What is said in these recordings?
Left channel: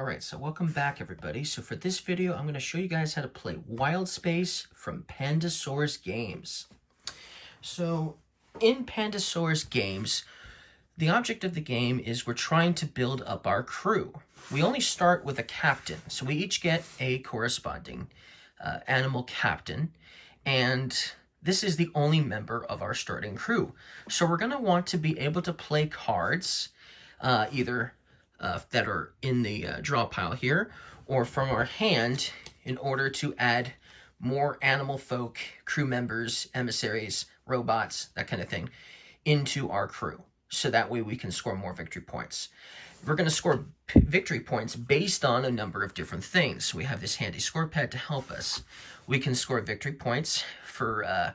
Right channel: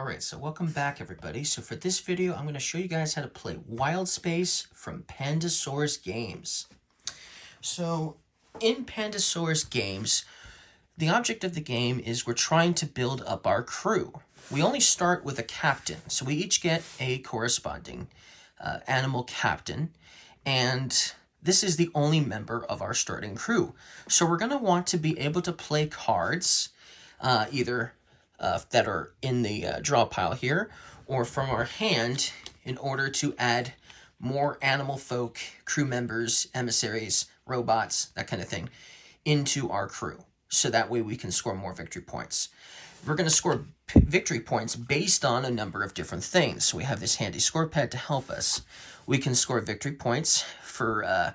All right, so welcome back everybody. So for this video, I'm going to show you guys how to play Wild Space from Pandasaurus Games. So in Pandasaurus Games, the object of the game is we're trying to build up our crew. We only start with a captain, so we each get a corresponding animal captain, and this is the only member of our starting crew. So we're going to want to be able to play cards, either that are in the draw pile here, or from our hand, in order to add more animal folk, crew members, emissaries, robots, that kind of thing, into our crew. So that way we can score more victory points. We're going to score victory points based on a number of different things. So we have this handy score pad to help us. We can score victory points for,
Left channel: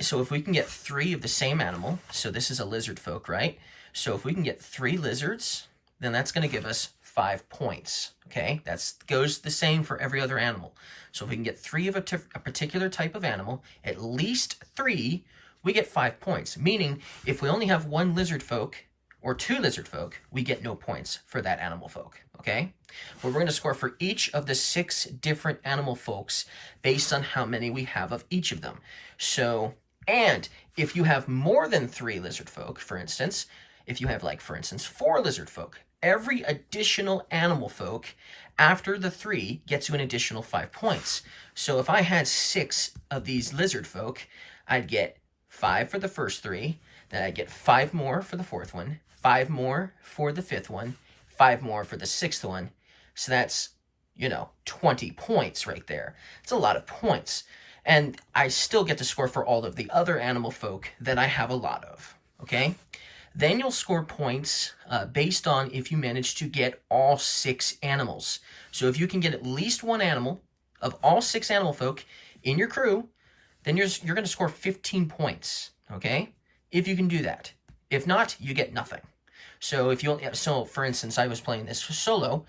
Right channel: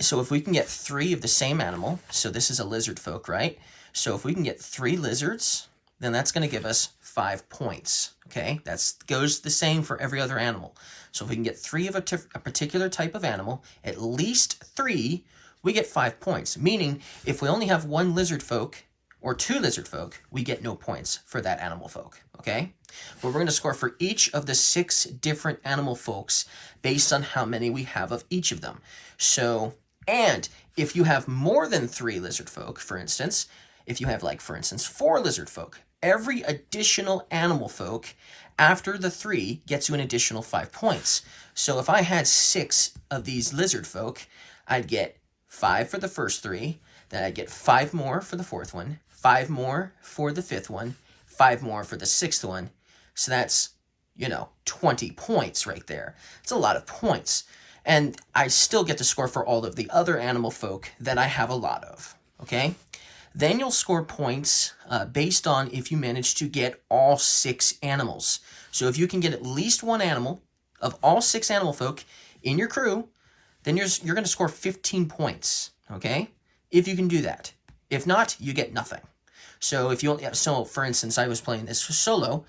so if we can get 3 of the same animal, so this is a lizard folk, right? So if we can get 3 lizards, then that's going to give us 5 points, okay? That goes the same for every other animal. So if we can get 3 of a particular type of animal, at least 3, we get 5 points. Meaning, if we only have 1 lizard folk or 2 lizard folk, we get no points for that animal folk, okay? But we're going to score for each of the 6 different animal folks based on how many we have of each of them. So, and if you have more than 3 lizard folk, for instance, if you have, like, for instance, 4 lizard folk, every additional animal folk after the 3 gets you an additional 5 points. So if I had 6 of these lizard folk, I'd get 5 for the first 3, then I'd get 5 more for the 4th one, 5 more for the 5th one, 5 more for the 6th one. So that's, 20 points right there. It's a lot of points. And I still get to score for all of the other animal folk that I have a lot of, okay? Then you'll score points based on if you manage to get all 6 animals. So if you can get at least 1 animal of all 6 animal folk in your crew, then you're going to score 15 points, okay? If you can do that. If not, you get nothing. So for instance, I was playing this solo.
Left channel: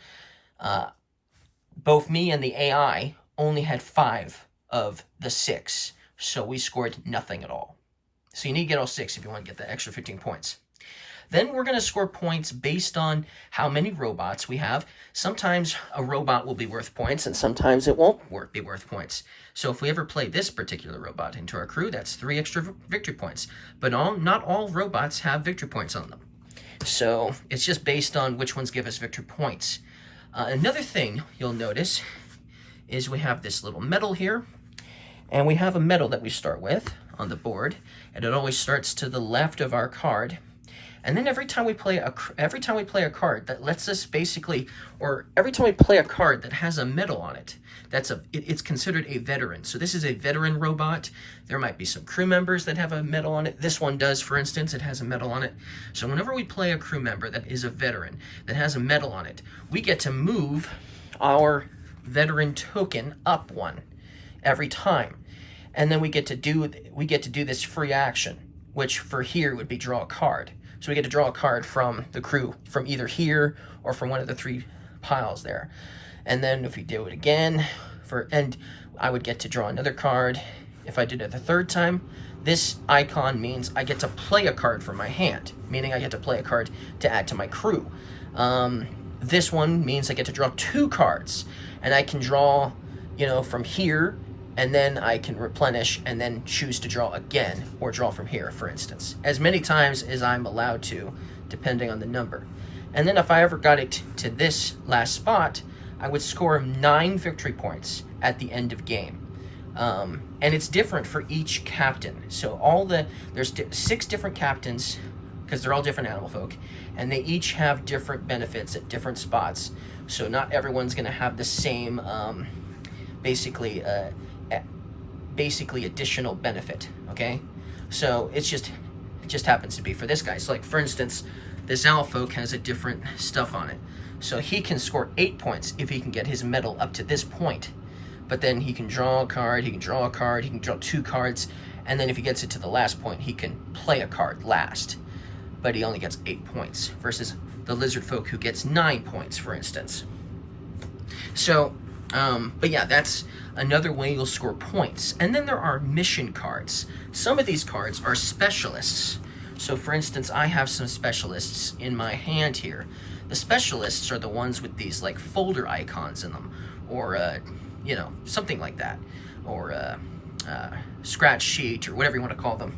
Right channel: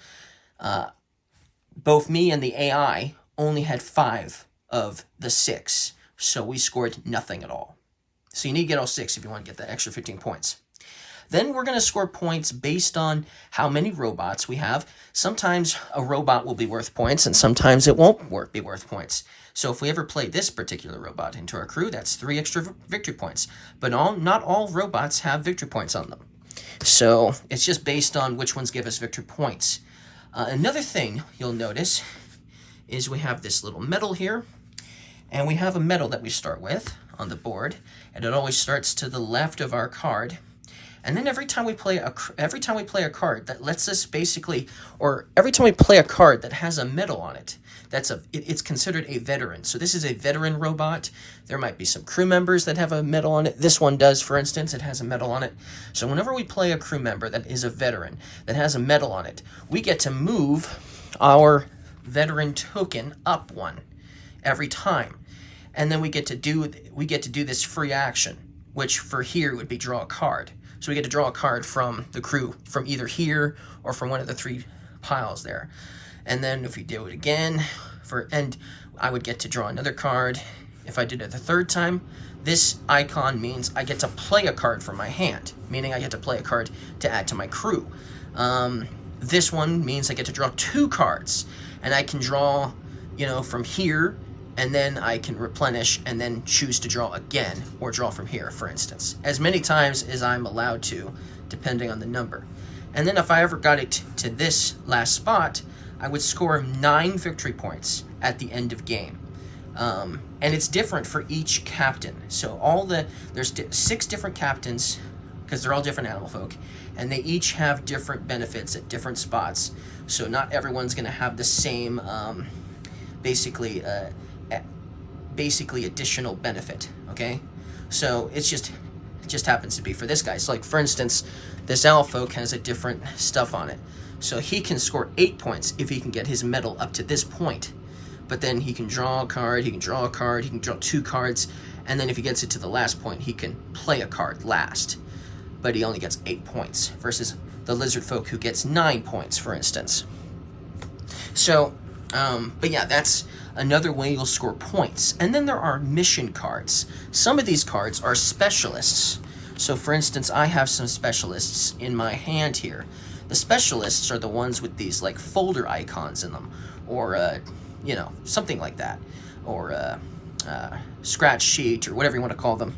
Both me and the AI only had 5 of the 6, so we scored nothing at all. So you need to get all 6 if you want to get that extra 15 points. Then we're going to score points based on how many robots we have. Sometimes a robot will be worth points, and sometimes it won't be worth points. So if we ever play this particular robot into our crew, that's 3 extra victory points. But not all robots have victory points on them. So it's just based on which ones give us victory points. Another thing you'll notice is we have this little medal here, and we have a medal that we start with on the board, and it always starts to the left of our card. And then every time we play a card that lets us basically, or every time we play a card that has a medal on it, it's considered a veteran. So this is a veteran robot. There might be some crew members that have a medal on it. This one does, for instance, it has a medal on it. So whenever we play a crew member that is a veteran, that has a medal on it, we get to move our veteran token up 1 every time. And then we get to do this free action, which for here would be draw a card. So we get to draw a card from the crew, from either here or from one of the 3 piles there. And then if we do it again, and I would get to draw another card. If I did it the 3rd time, this icon means I get to play a card from my hand, meaning I get to play a card to add to my crew. This one means I get to draw 2 cards, and I can draw, from here, and then I can replenish and then choose to draw again, or draw from here, for instance, as many times as I'm allowed to, depending on the number. And then if I ever got it to this last spot, I would score 9 victory points at the end of game. And it's different for each captain. So there's 6 different captains, because they're all different animal folk, and they each have different benefits at different spots. So not everyone's going to have the same, basically additional benefit, okay? So it just happens to be for this guy. So like, for instance, this owl folk has a different stuff on it. So he can score 8 points if he can get his medal up to this point. But then he can draw a card, he can draw 2 cards, and then if he gets it to the last point, he can play a card last. But he only gets 8 points versus the lizard folk who gets 9 points, for instance. So, but yeah, that's another way you'll score points. And then there are mission cards. Some of these cards are specialists. So for instance, I have some specialists in my hand here The specialists are the ones with these like folder icons in them, or you know, something like that, or scratch sheet, or whatever you want to call them.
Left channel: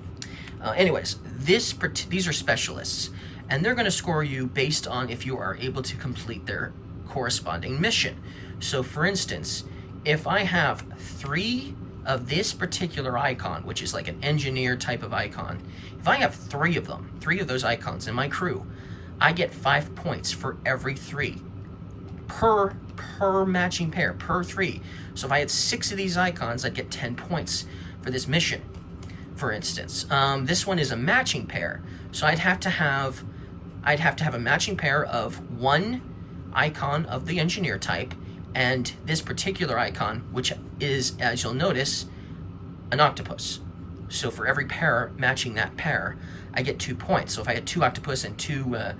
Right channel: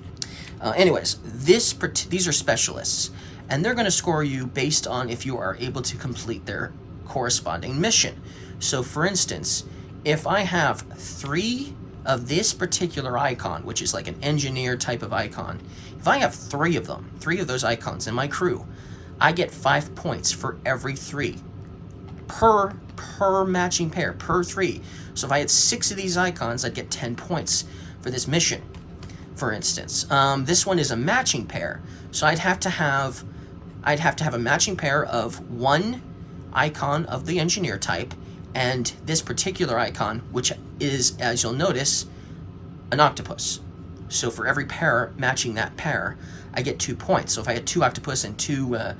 Anyways, these are specialists, and they're going to score you based on if you are able to complete their corresponding mission. So for instance, if I have 3 of this particular icon, which is like an engineer type of icon, if I have 3 of them, 3 of those icons in my crew, I get 5 points for every 3 per matching pair, per 3. So if I had 6 of these icons, I'd get 10 points for this mission, for instance. This one is a matching pair, so I'd have to have a matching pair of 1 icon of the engineer type and this particular icon, which is, as you'll notice, an octopus. So for every pair matching that pair, I get 2 points. So if I had 2 octopus and 2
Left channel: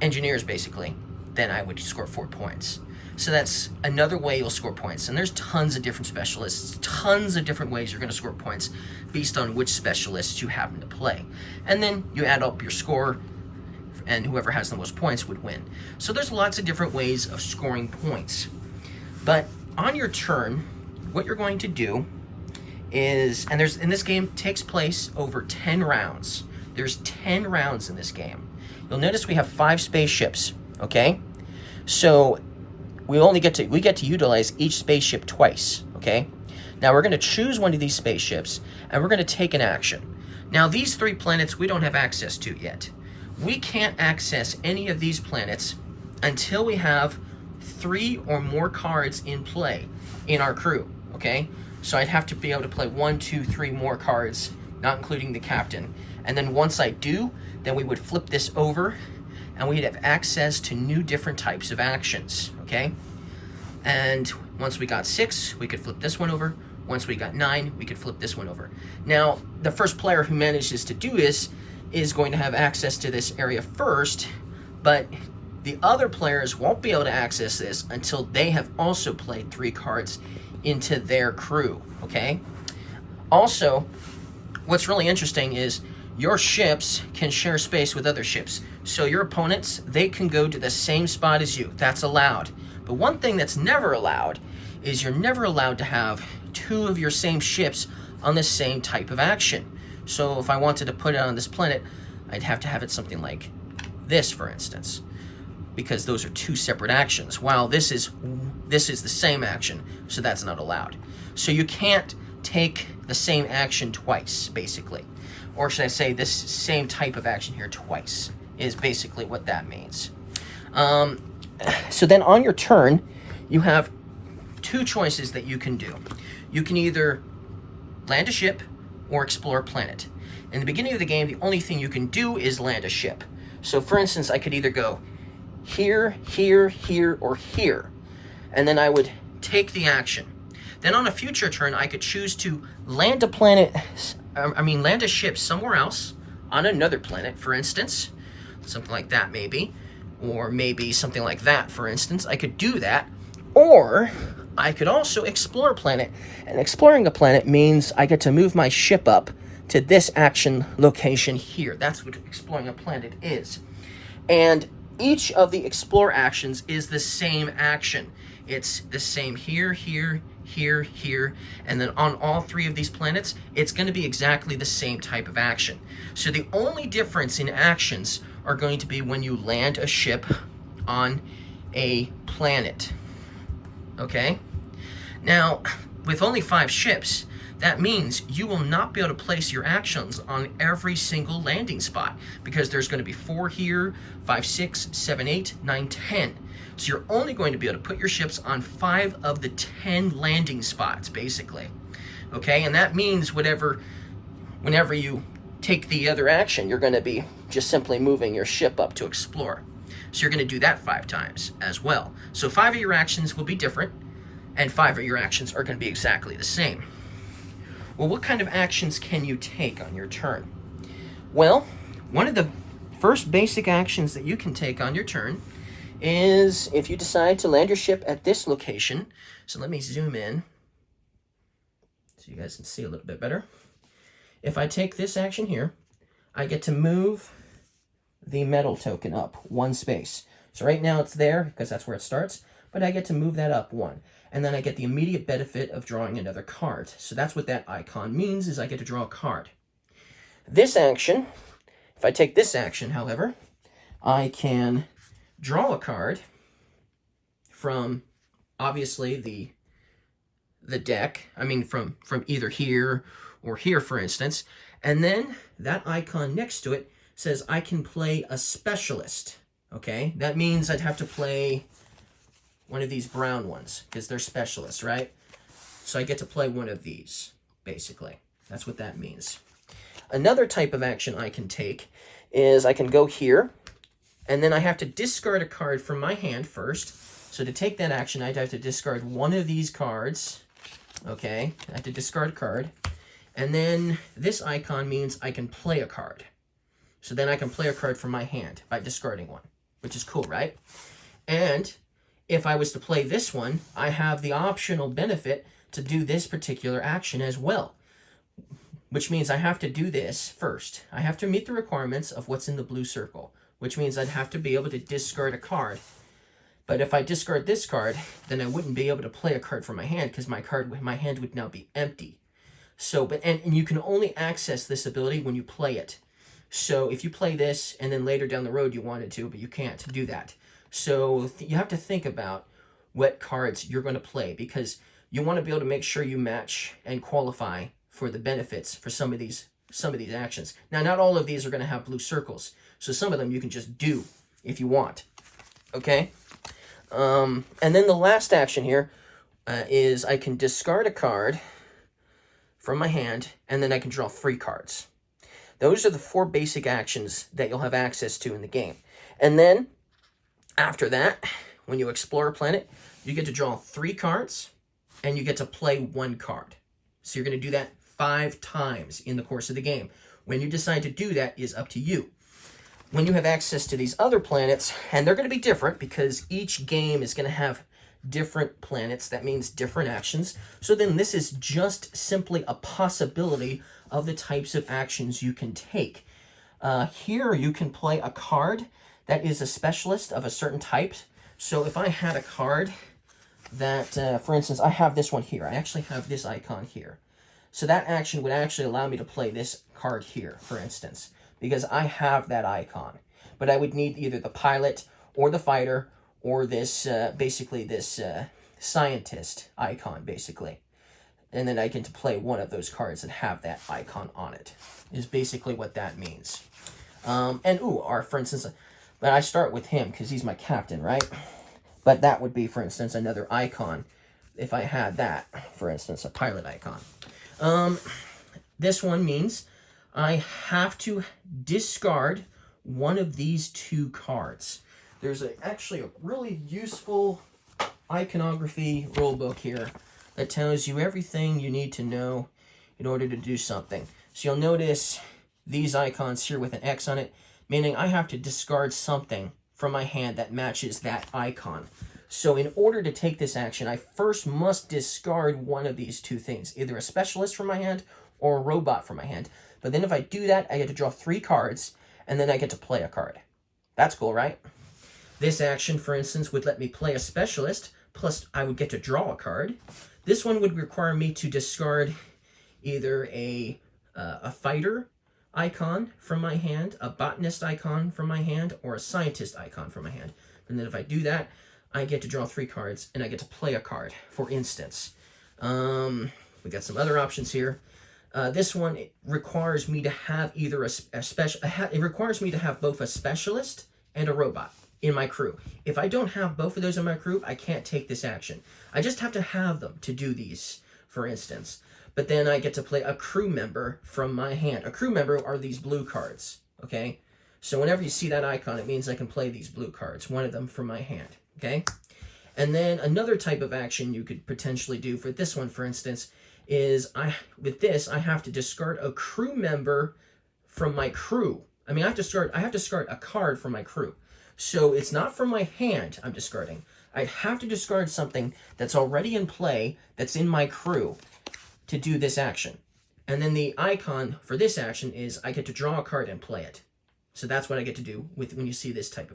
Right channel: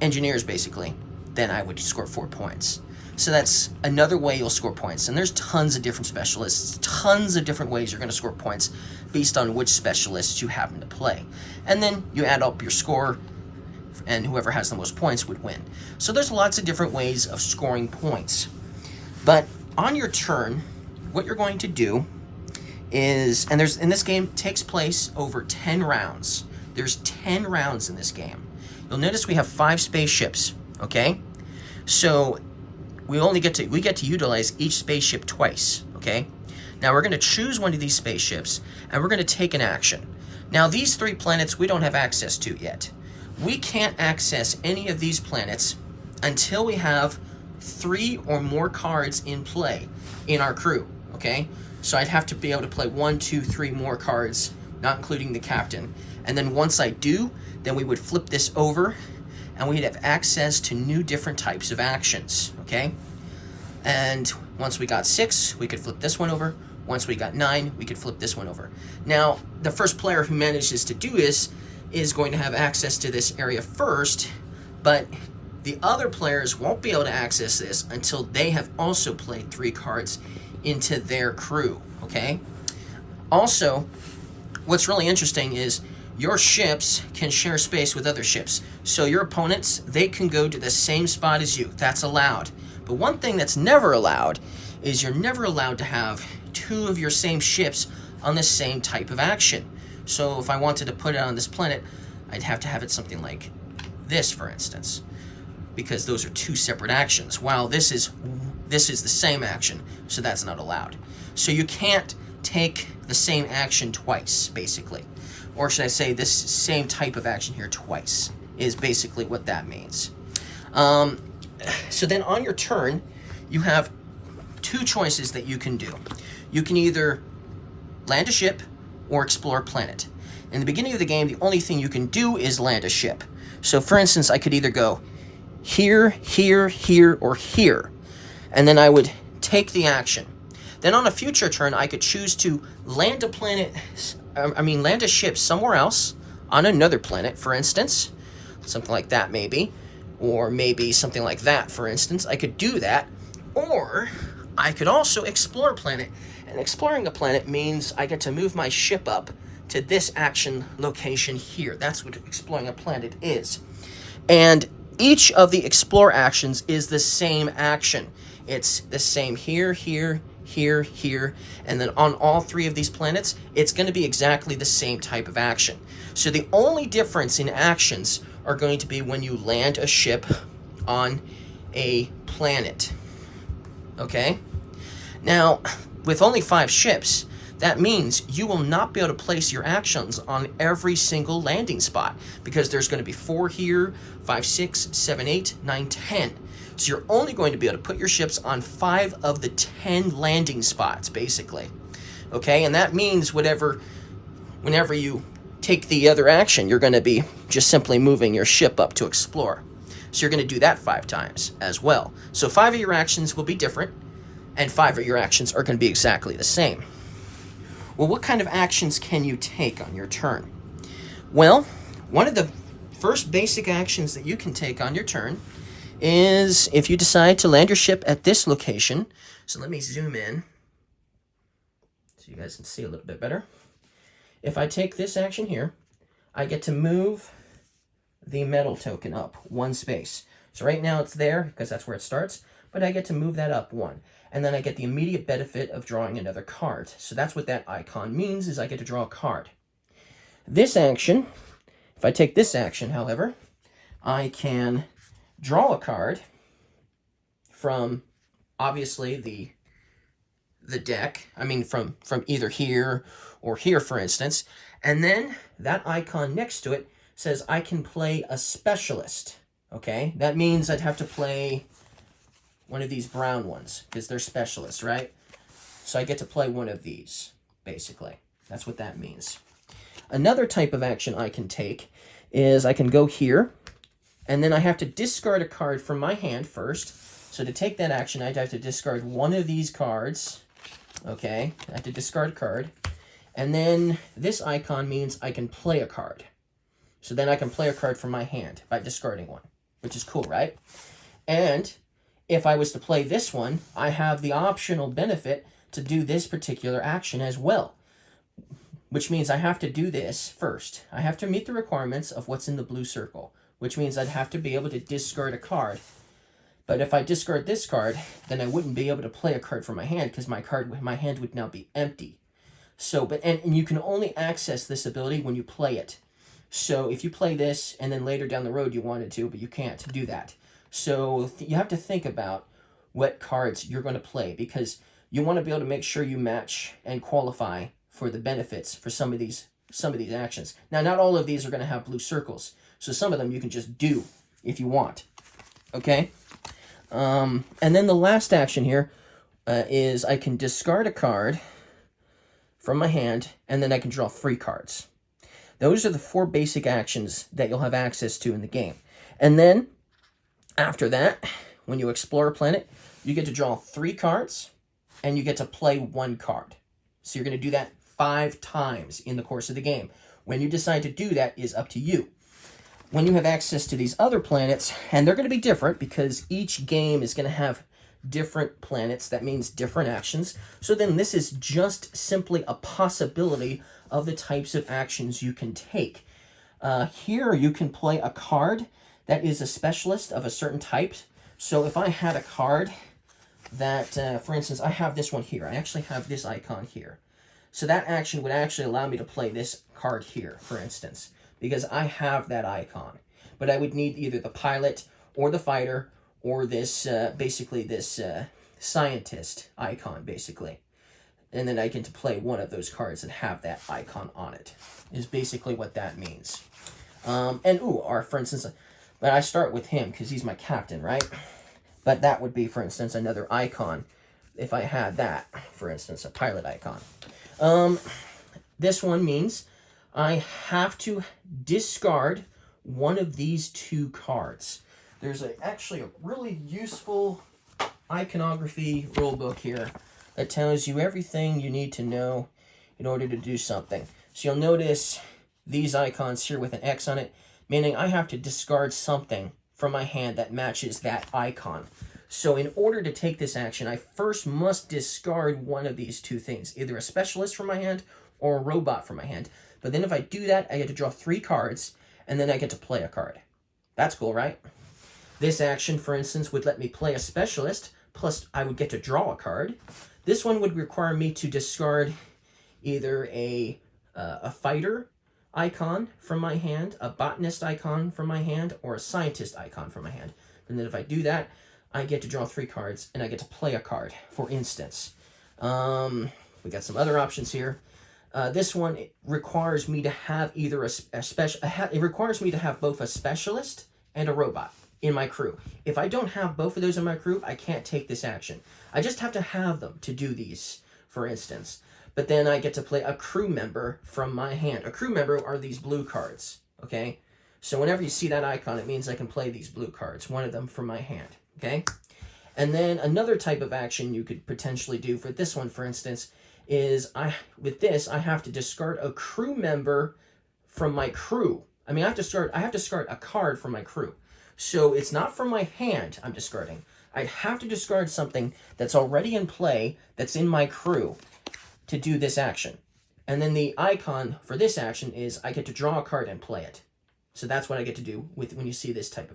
engineers, basically, then I would score 4 points. So that's another way you'll score points. And there's tons of different specialists, tons of different ways you're going to score points based on which specialists you happen to play. And then you add up your score, and whoever has the most points would win. So there's lots of different ways of scoring points. But on your turn, what you're going to do is, and this game takes place over 10 rounds. There's 10 rounds in this game. You'll notice we have 5 spaceships, okay? So we get to utilize each spaceship twice, okay? Now we're going to choose one of these spaceships, and we're going to take an action. Now these 3 planets we don't have access to yet. We can't access any of these planets until we have 3 or more cards in play in our crew, okay? So I'd have to be able to play 1, 2, 3 more cards, not including the captain. And then once I do, then we would flip this over and we'd have access to new different types of actions, okay? And once we got 6, we could flip this one over. Once we got 9, we could flip this one over. Now, the first player who manages to do this is going to have access to this area first, but the other players won't be able to access this until they have also played 3 cards into their crew, okay? Also, what's really interesting is your ships can share space with other ships. So your opponents, they can go to the same spot as you. That's allowed. But one thing that's never allowed is you're never allowed to have 2 of your same ships on the same type of action. So if I wanted to put it on this planet, I'd have to have it something like this, for instance, because those are 2 separate actions, while this is the same action, so that's not allowed. So you can't take the same action twice, basically. Or should I say this same type of action here twice, is basically what that means. So then on your turn, you have 2 choices that you can do. You can either land a ship or explore a planet. In the beginning of the game, the only thing you can do is land a ship. So for instance, I could either go here, here, here, or here, and then I would take the action. Then on a future turn, I could choose to land land a ship somewhere else on another planet, for instance, something like that maybe, or maybe something like that, for instance. I could do that, or I could also explore a planet, and exploring a planet means I get to move my ship up to this action location here. That's what exploring a planet is. And each of the explore actions is the same action. It's the same here, here, here, here, and then on all 3 of these planets, it's going to be exactly the same type of action. So the only difference in actions are going to be when you land a ship on a planet, okay? Now, with only 5 ships, that means you will not be able to place your actions on every single landing spot, because there's going to be 4 here, 5, 6, 7, 8, 9, 10. So you're only going to be able to put your ships on 5 of the 10 landing spots, basically. Okay, and that means whenever you take the other action, you're going to be just simply moving your ship up to explore. So you're going to do that 5 times as well. So 5 of your actions will be different, and 5 of your actions are going to be exactly the same. Well, what kind of actions can you take on your turn? Well, one of the first basic actions that you can take on your turn is if you decide to land your ship at this location. So let me zoom in so you guys can see a little bit better. If I take this action here, I get to move the metal token up 1 space. So right now it's there because that's where it starts, but I get to move that up 1. And then I get the immediate benefit of drawing another card. So that's what that icon means, is I get to draw a card. This action, if I take this action, however, I can draw a card from, obviously, the deck. I mean, from either here or here, for instance. And then that icon next to it says I can play a specialist. Okay, that means I'd have to play one of these brown ones because they're specialists, right? So I get to play one of these, basically. That's what that means. Another type of action I can take is I can go here, and then I have to discard a card from my hand first. So to take that action, I'd have to discard one of these cards. Okay, I have to discard a card. And then this icon means I can play a card. So then I can play a card from my hand by discarding one, which is cool, right? And if I was to play this one, I have the optional benefit to do this particular action as well, which means I have to do this first. I have to meet the requirements of what's in the blue circle, which means I'd have to be able to discard a card. But if I discard this card, then I wouldn't be able to play a card from my hand because my hand would now be empty. So, and you can only access this ability when you play it. So if you play this and then later down the road you wanted to, but you can't do that. So you have to think about what cards you're going to play because you want to be able to make sure you match and qualify for the benefits for some of these actions. Now, not all of these are going to have blue circles. So some of them you can just do if you want. Okay? And then the last action here is I can discard a card from my hand, and then I can draw 3 cards. Those are the 4 basic actions that you'll have access to in the game. And then, after that, when you explore a planet, you get to draw 3 cards, and you get to play 1 card. So you're going to do that 5 times in the course of the game. When you decide to do that is up to you. When you have access to these other planets, and they're going to be different because each game is going to have different planets, that means different actions. So then this is just simply a possibility of the types of actions you can take. Here you can play a card that is a specialist of a certain type. So if I had a card that, for instance, I have this one here. I actually have this icon here. So that action would actually allow me to play this card here, for instance, because I have that icon. But I would need either the pilot or the fighter or this, basically this scientist icon, basically. And then I get to play one of those cards that have that icon on it, is basically what that means. For instance, but I start with him because he's my captain, right? But that would be, for instance, another icon if I had that, for instance, a pilot icon. This one means I have to discard one of these 2 cards. There's actually a really useful iconography rulebook here that tells you everything you need to know in order to do something. So you'll notice these icons here with an X on it, meaning I have to discard something from my hand that matches that icon. So in order to take this action, I first must discard one of these 2 things, either a specialist from my hand or a robot from my hand. But then if I do that, I get to draw 3 cards, and then I get to play a card. That's cool, right? This action, for instance, would let me play a specialist, plus I would get to draw a card. This one would require me to discard either a fighter icon from my hand, a botanist icon from my hand, or a scientist icon from my hand. And then if I do that, I get to draw 3 cards, and I get to play a card, for instance. We got some other options here. This one requires me to have either it requires me to have both a specialist and a robot in my crew. If I don't have both of those in my crew, I can't take this action. I just have to have them to do these, for instance. But then I get to play a crew member from my hand. A crew member are these blue cards, okay? So whenever you see that icon, it means I can play these blue cards, one of them from my hand, okay? And then another type of action you could potentially do for this one, for instance, is with this, I have to discard a crew member from my crew. I mean, I have to discard a card from my crew. So it's not from my hand I'm discarding. I have to discard something that's already in play, that's in my crew, to do this action. And then the icon for this action is I get to draw a card and play it. So that's what I get to do with when you see this type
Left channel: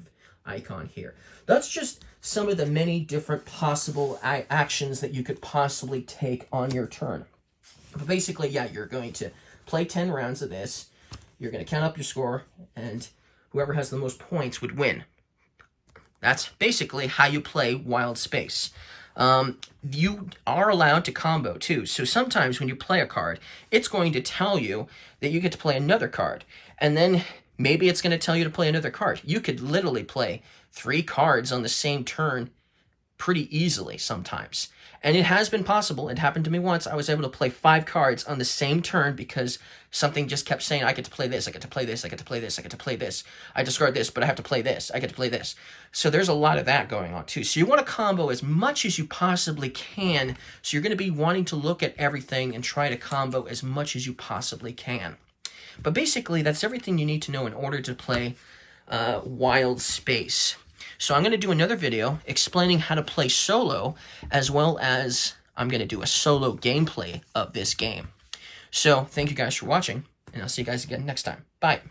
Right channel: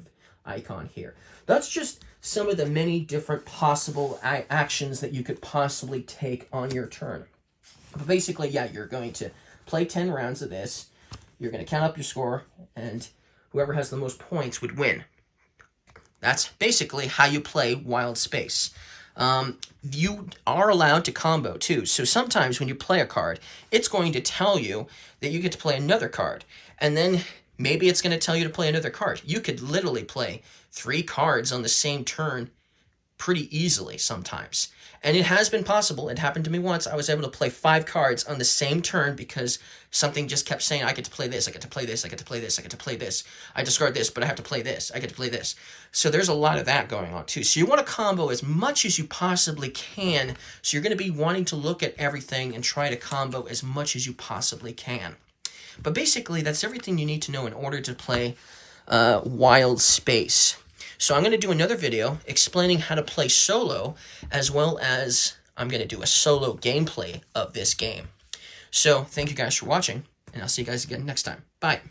icon here. That's just some of the many different possible actions that you could possibly take on your turn. But basically, yeah, you're going to play 10 rounds of this. You're going to count up your score, and whoever has the most points would win. That's basically how you play Wild Space. You are allowed to combo too. So sometimes when you play a card, it's going to tell you that you get to play another card. And then maybe it's going to tell you to play another card. You could literally play 3 cards on the same turn pretty easily sometimes. And it has been possible. It happened to me once. I was able to play 5 cards on the same turn because something just kept saying, I get to play this, I get to play this, I get to play this, I get to play this. I discard this, but I have to play this. I get to play this. So there's a lot of that going on too. So you want to combo as much as you possibly can. So you're going to be wanting to look at everything and try to combo as much as you possibly can. But basically, that's everything you need to know in order to play Wild Space. So I'm going to do another video explaining how to play solo, as well as I'm going to do a solo gameplay of this game. So thank you guys for watching, and I'll see you guys again next time. Bye.